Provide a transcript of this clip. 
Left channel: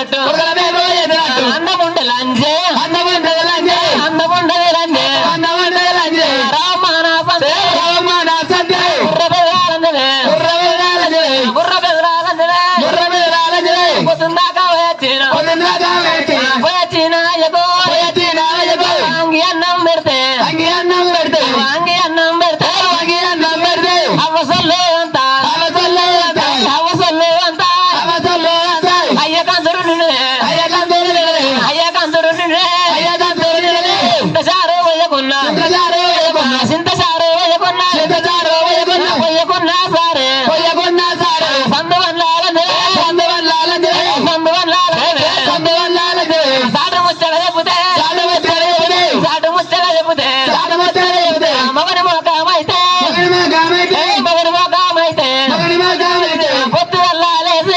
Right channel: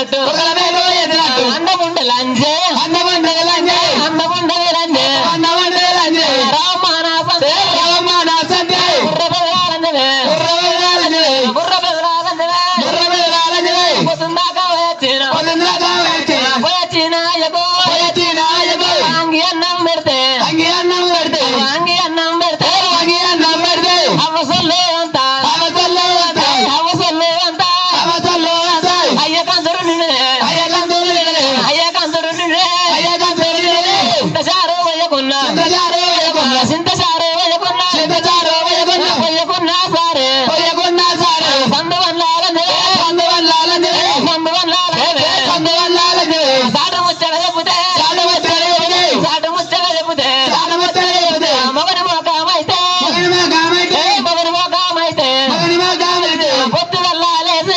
ఎదినట్టు అన్నముండ లంజే అన్నముండది లంజే బుర్ర బెదరాలంజనే పొద్దున్నాక పోయచ్చిన అంగి అన్నం పెడితే అంగి అన్నం పెడితే అవసరం అంతా అయ్యకందరు చింతచారు పోయకున్నా చింతచారు పోయకున్నా సారే సందు వల్ల